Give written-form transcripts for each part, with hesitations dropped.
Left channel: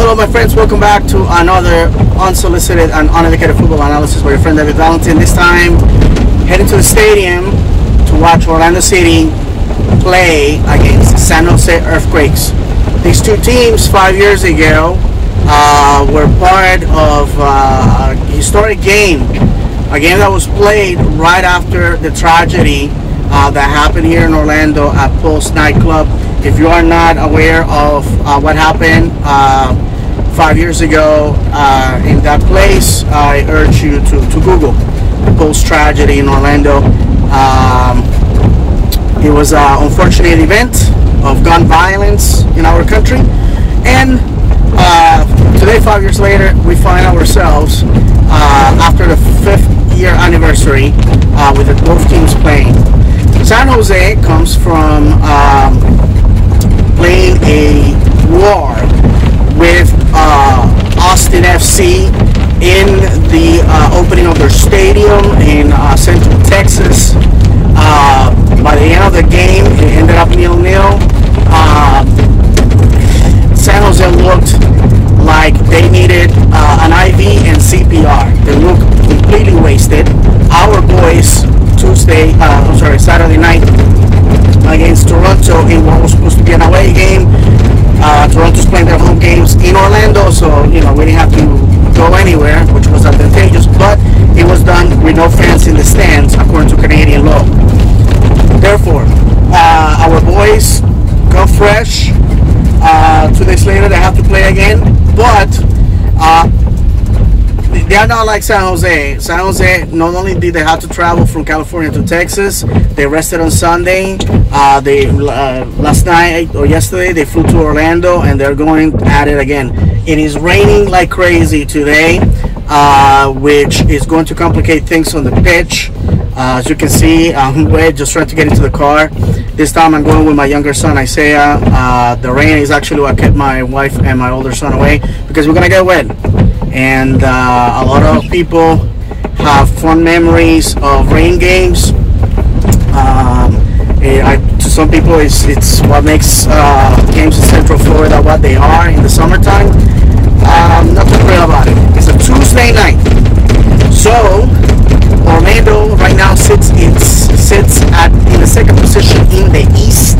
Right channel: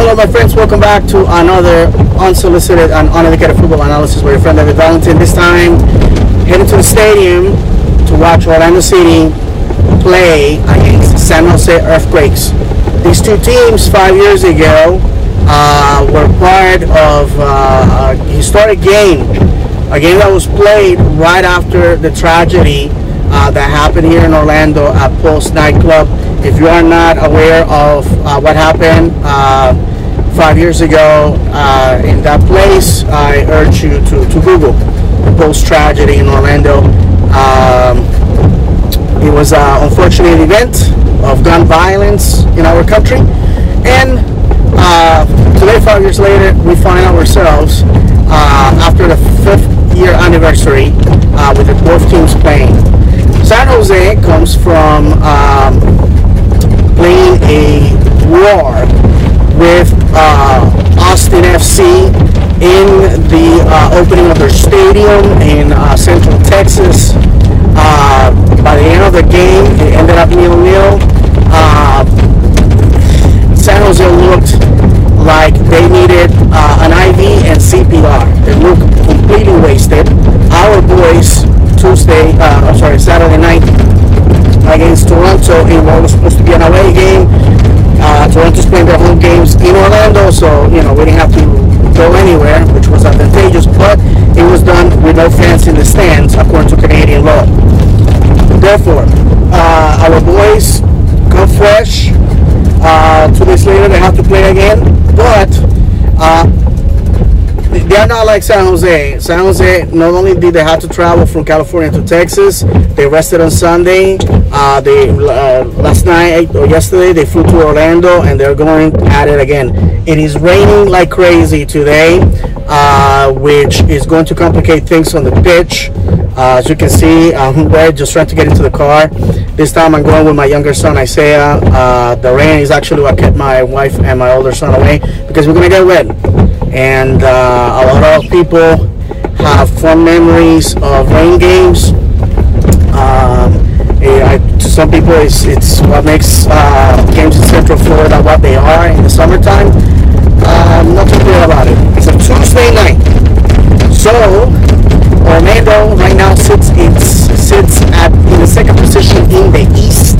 Hello, my friends. Welcome back to another unsolicited and uneducated football analysis with your friend David Valentin. This time, heading to the stadium to watch Orlando City play against San Jose Earthquakes. These two teams 5 years ago were part of a historic game, a game that was played right after the tragedy that happened here in Orlando at Pulse nightclub. If you are not aware of what happened 5 years ago in that place, I urge you to Google the Pulse tragedy in Orlando. It was an unfortunate event of gun violence in our country, and today, 5 years later, we find ourselves after the 5th year anniversary with both teams playing. San Jose comes from playing a war with Austin FC in the opening of their stadium in Central Texas. By the end of the game, it ended up 0-0. San Jose looked like they needed an IV and CPR. They looked completely wasted. Our boys Saturday night against Toronto in what was supposed to be an away game. Toronto's playing their home games in Orlando, so we didn't have to go anywhere, which was advantageous, but it was done with no fans in the stands according to Canadian law. Therefore, our boys come fresh. 2 days later, they have to play again, but they are not like San Jose. San Jose, not only did they have to travel from California to Texas, they rested on Sunday. Last night or yesterday, they flew to Orlando, and they're going at it again. It is raining like crazy today, which is going to complicate things on the pitch. As you can see, I'm just trying to get into the car. This time I'm going with my younger son, Isaiah. The rain is actually what kept my wife and my older son away, because we're going to get wet. And a lot of people have fond memories of rain games. To some people, it's what makes games in Central Florida what they are in the summertime. I'm not too thrilled about it. It's a Tuesday night. So Orlando right now sits in the second position in the East,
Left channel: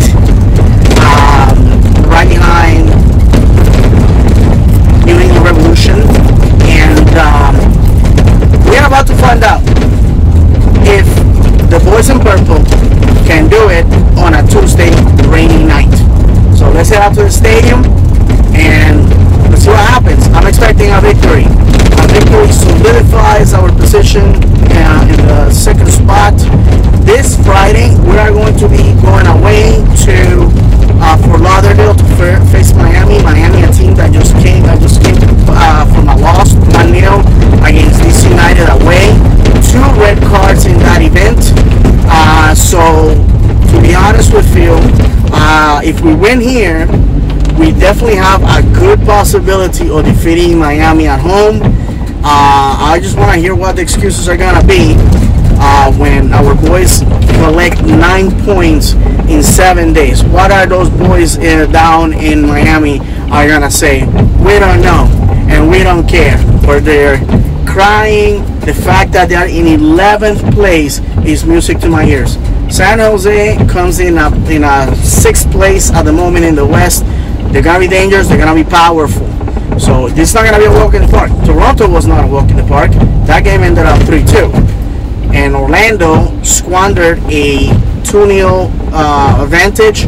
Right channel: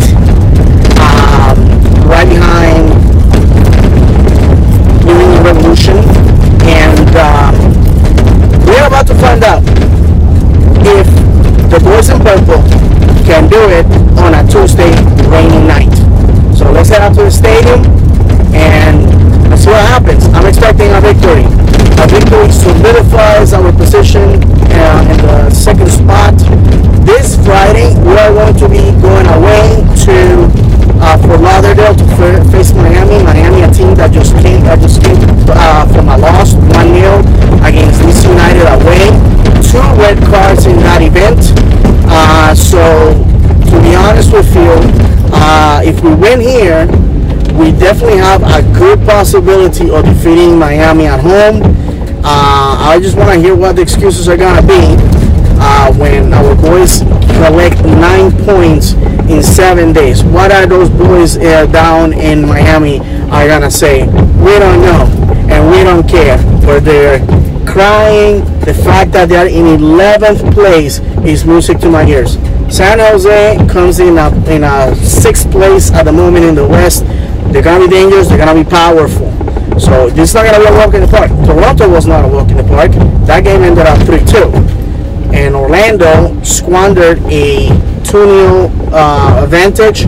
right behind New England Revolution, and we're about to find out if the boys in purple can do it on a Tuesday rainy night. So let's head out to the stadium and let's see what happens. I'm expecting a victory. A victory solidifies our position in the second spot. This Friday, we are going to be going away to Fort Lauderdale to face Miami. Miami, a team that just came from a loss 1-0 against DC United away. 2 red cards in that event. So to be honest with you, if we win here, we definitely have a good possibility of defeating Miami at home. I just want to hear what the excuses are going to be when our boys collect 9 points in 7 days. What are those boys down in Miami are going to say? We don't know, and we don't care. Or they're crying. The fact that they're in 11th place is music to my ears. San Jose comes in a 6th place at the moment in the West. They're going to be dangerous. They're going to be powerful. So this is not going to be a walk in the park. Toronto was not a walk in the park. That game ended up 3-2. And Orlando squandered a 2-0 advantage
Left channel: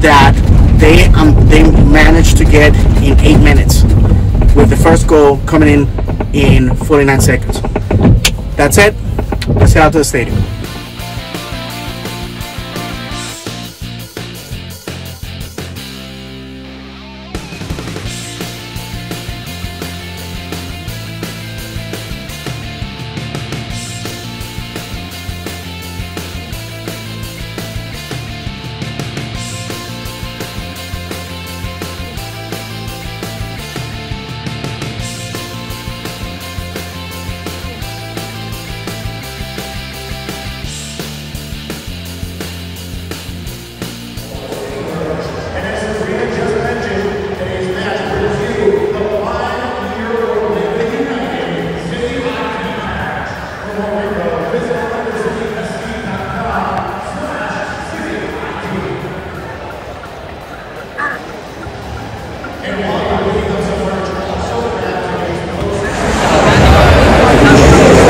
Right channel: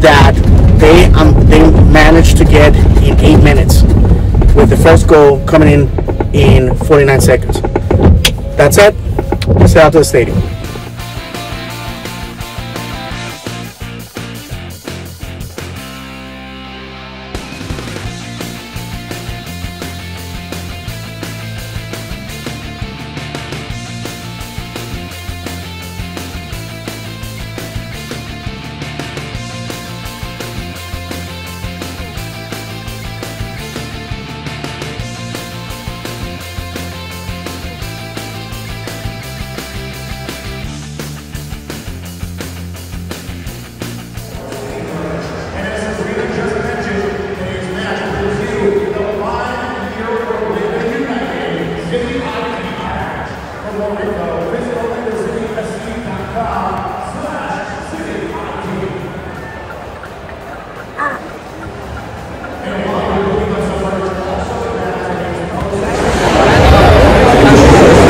that they managed to get in 8 minutes, with the first goal coming in 49 seconds. That's it. Let's head out to the stadium.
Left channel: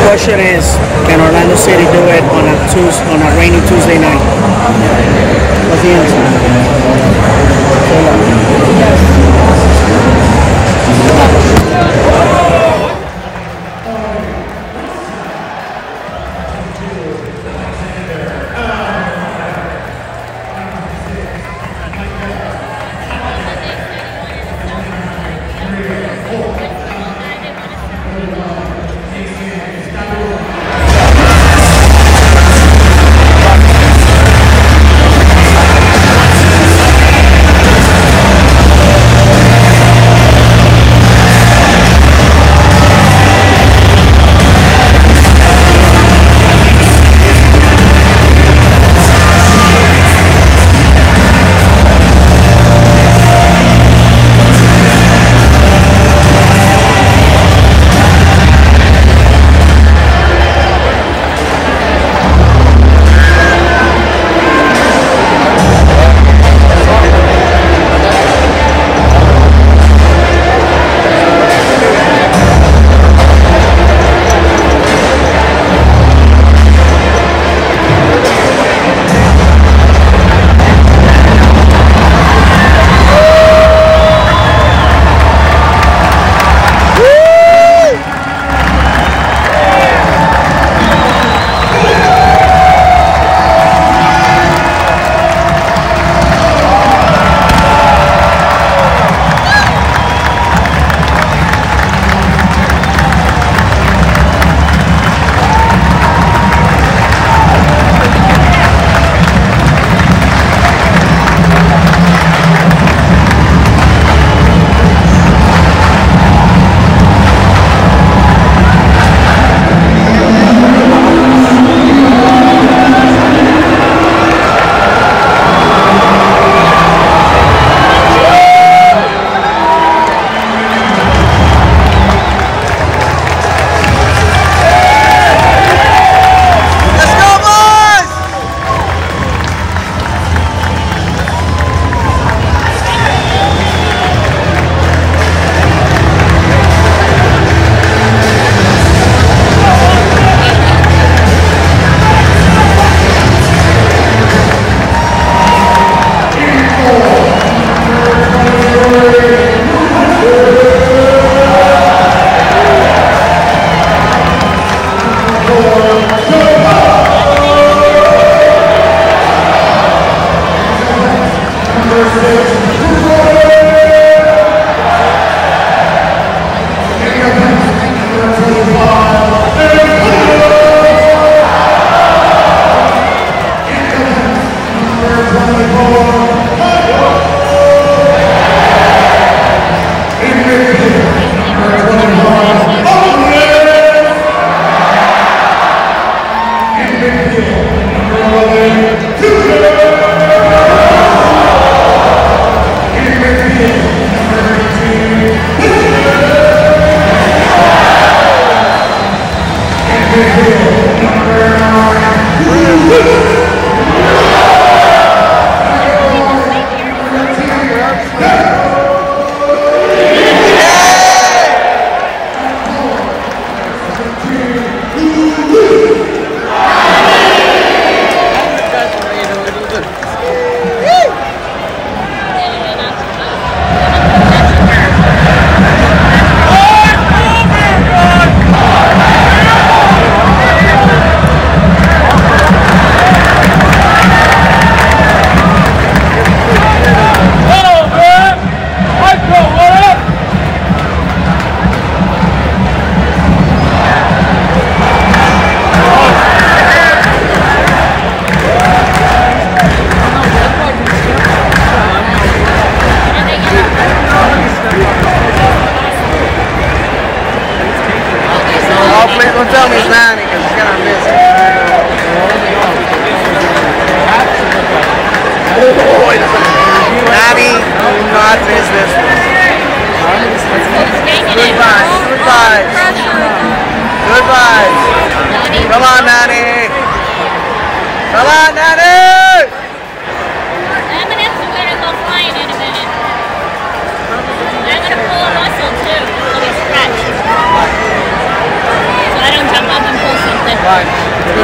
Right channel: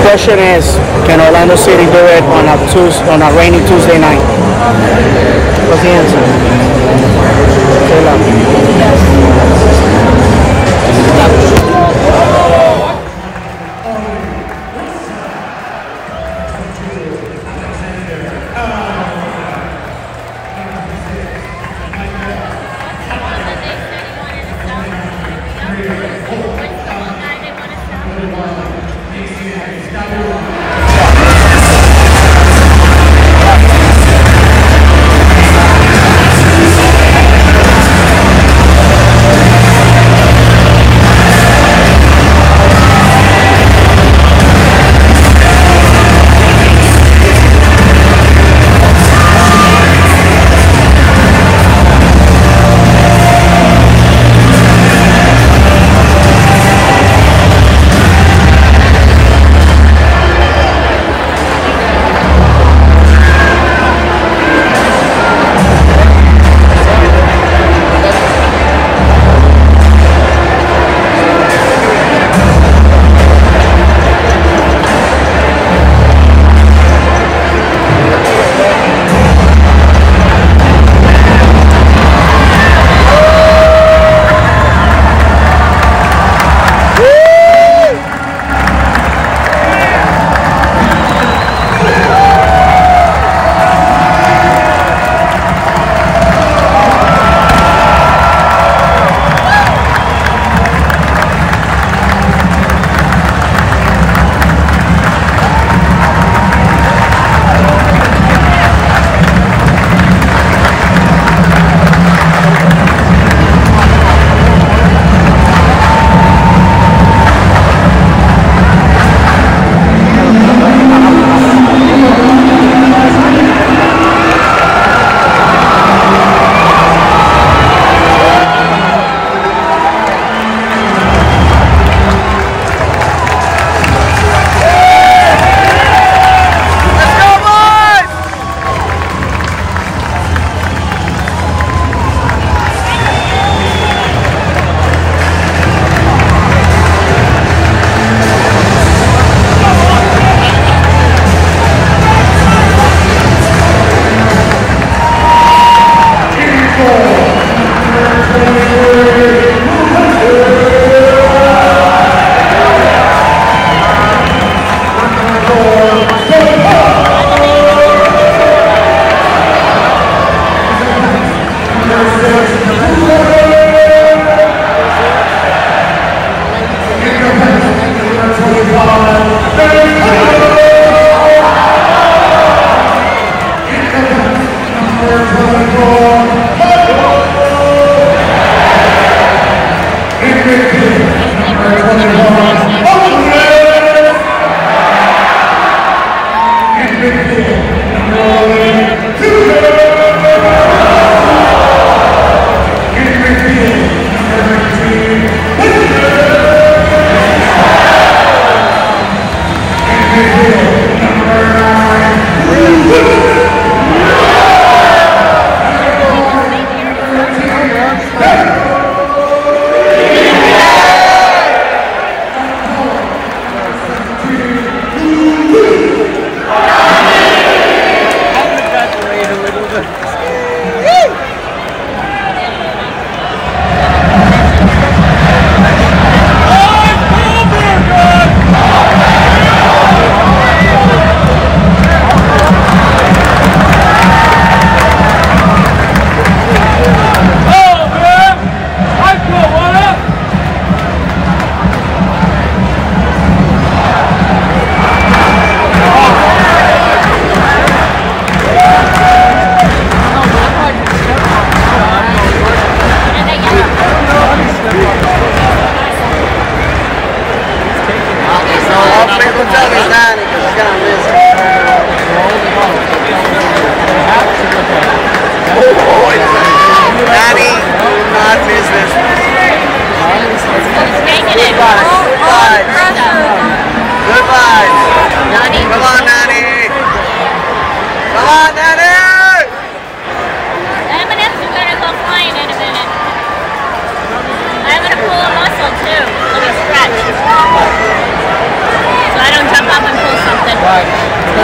question is, can Orlando City do it on a rainy Tuesday night? What's the answer? Yes.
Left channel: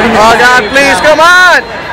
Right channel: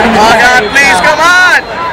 Oh God, please, come on!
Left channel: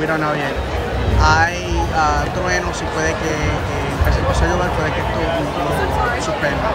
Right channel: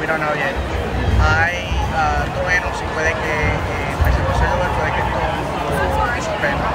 We don't know yet. Hay truenos y puede que empecemos a llover, puede que esto suspenda.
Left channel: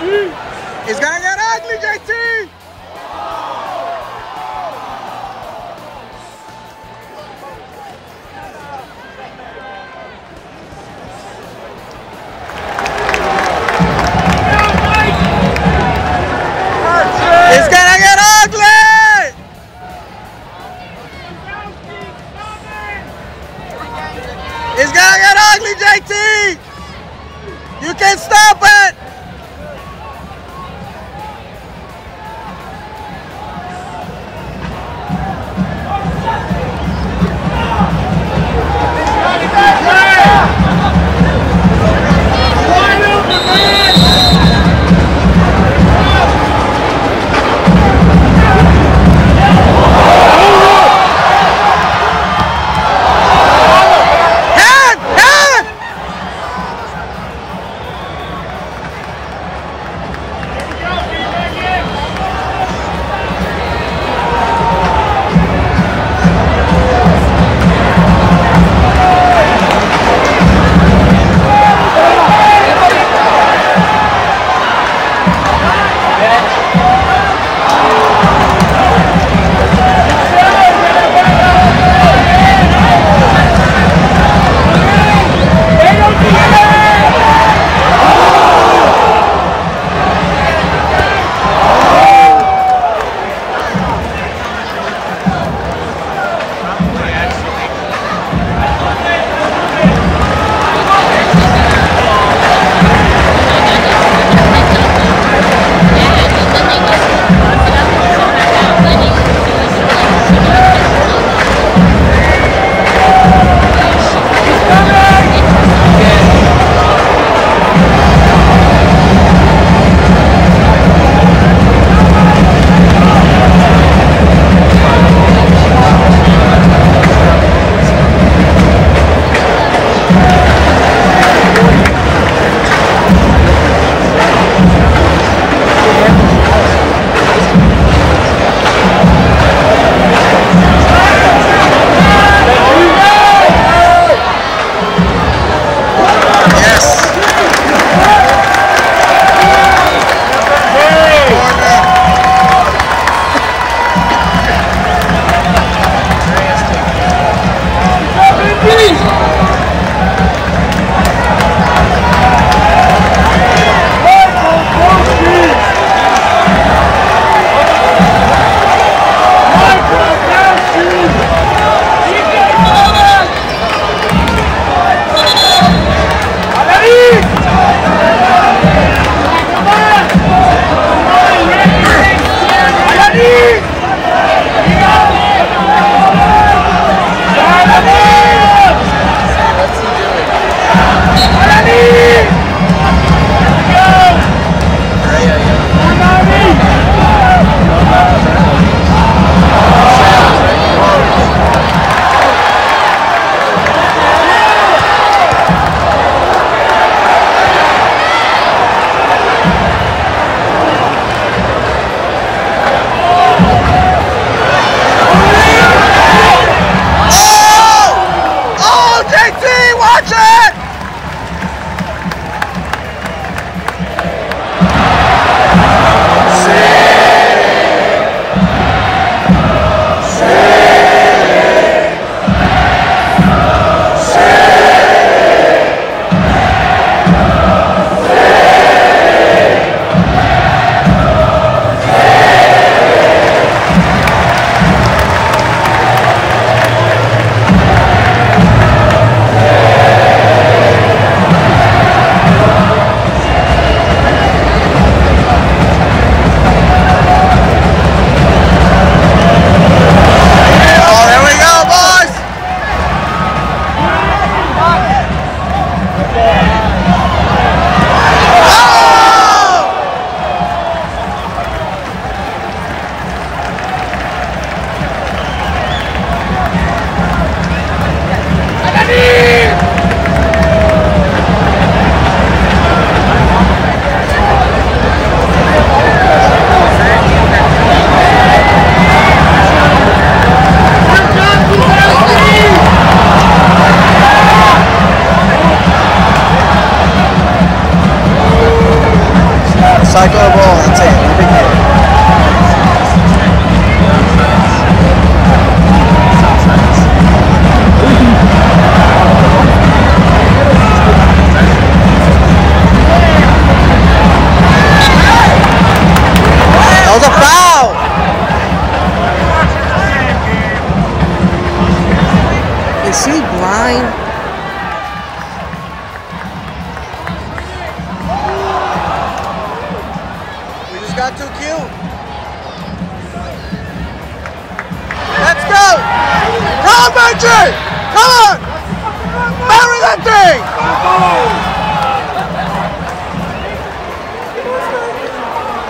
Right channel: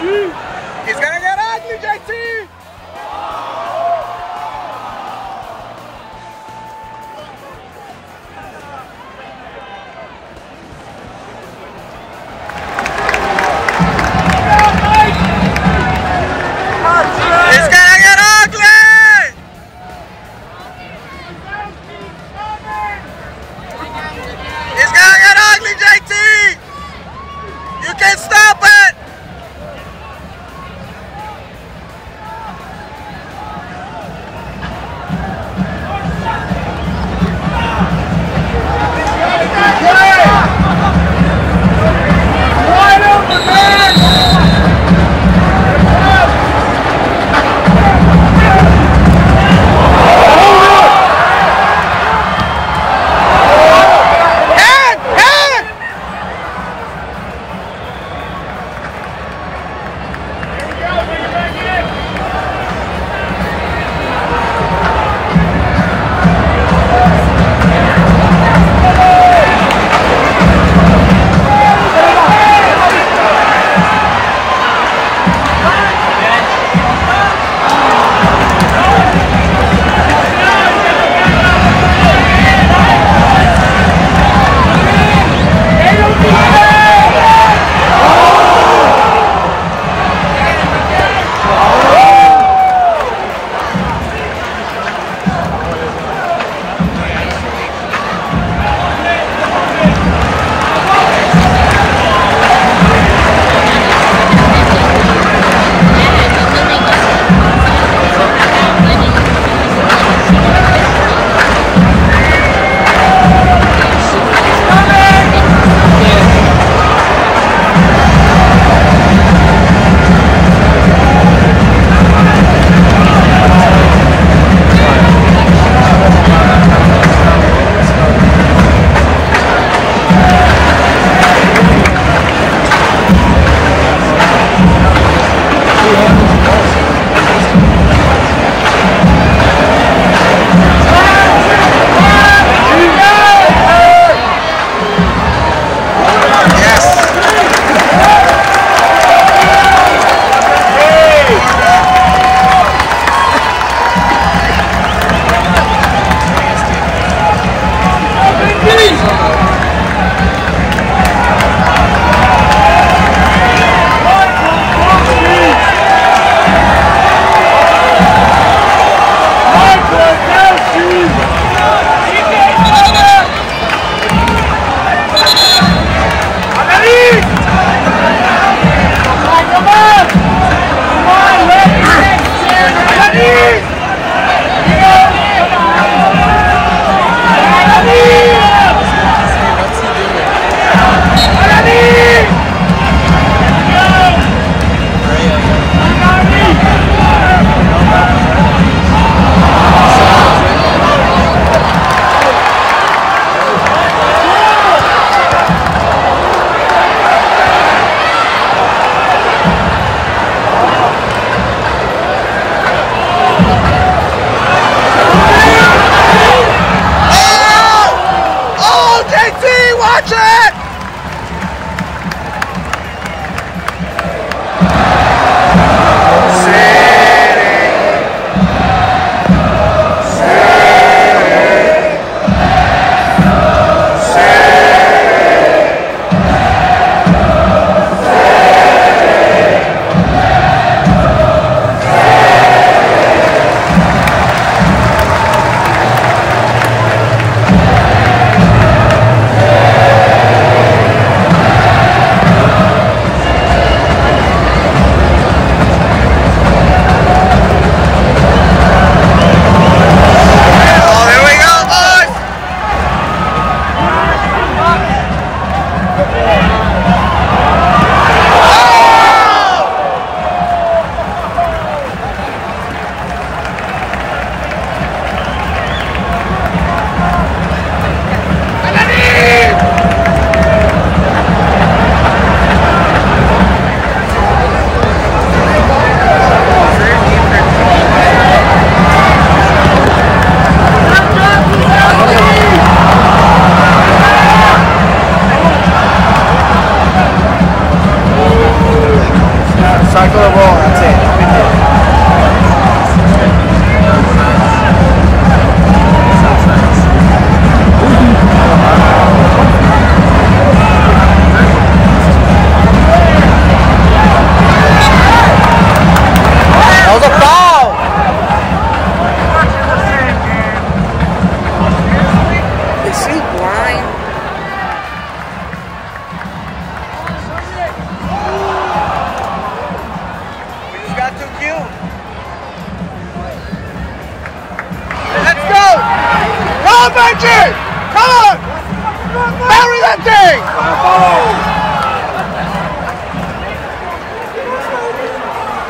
It's gonna get ugly, JT! It's gonna get ugly! It's gonna get ugly, JT! You can't stop it!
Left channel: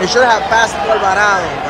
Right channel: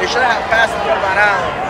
He should have passed por Alvarado.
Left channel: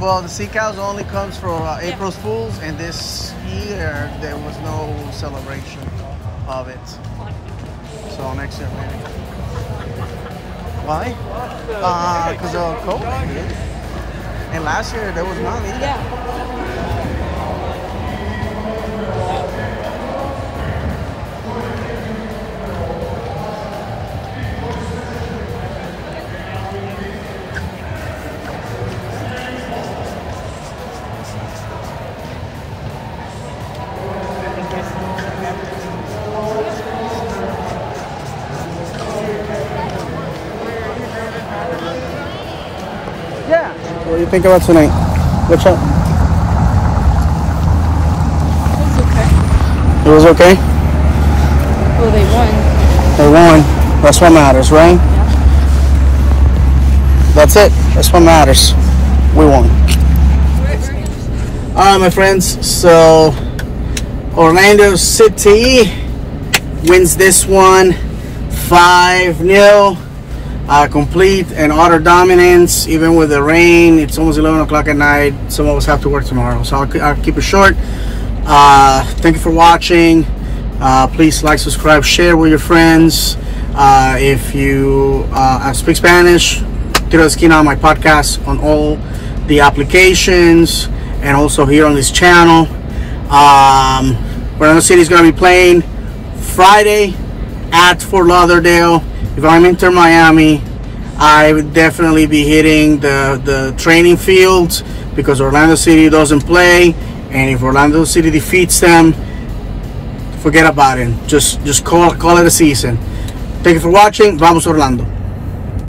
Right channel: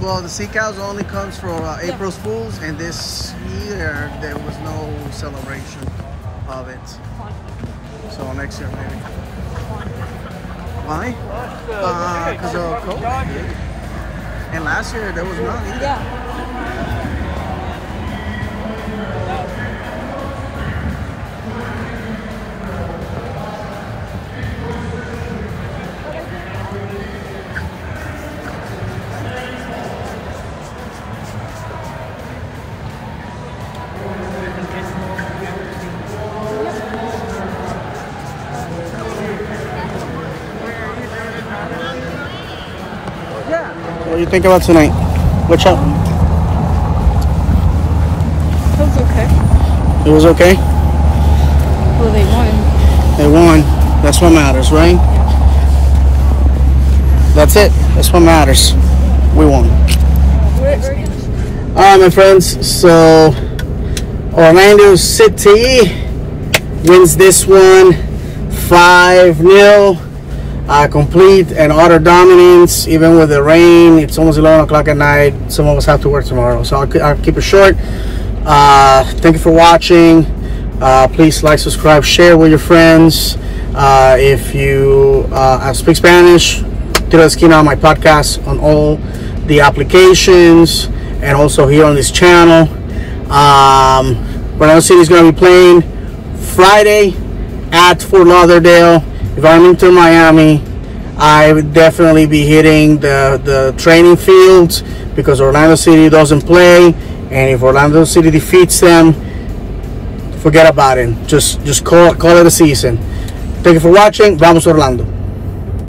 Well, the Sea Cows only comes for April Fools, and this year there was no celebration of it. So next year maybe. Why? Because of COVID. And last year there was none either. What do you think about tonight? What's up? It was okay. It was okay? Well, they won. They won. That's what matters, right? Yeah. That's it. That's what matters. We won. Alright, my friends. So, Orlando City wins this one 5-0. Complete and utter dominance, even with the rain. It's almost 11 o'clock at night. Some of us have to work tomorrow, so I'll keep it short. Thank you for watching. Please like, subscribe, share with your friends. If you speak Spanish, Tiro de Esquina on my podcast on all the applications and also here on this channel. Orlando City is going to be playing Friday at Fort Lauderdale. If I'm into Miami, I would definitely be hitting the training fields because Orlando City doesn't play, and if Orlando City defeats them, forget about it. Just call it a season. Thank you for watching. Vamos Orlando.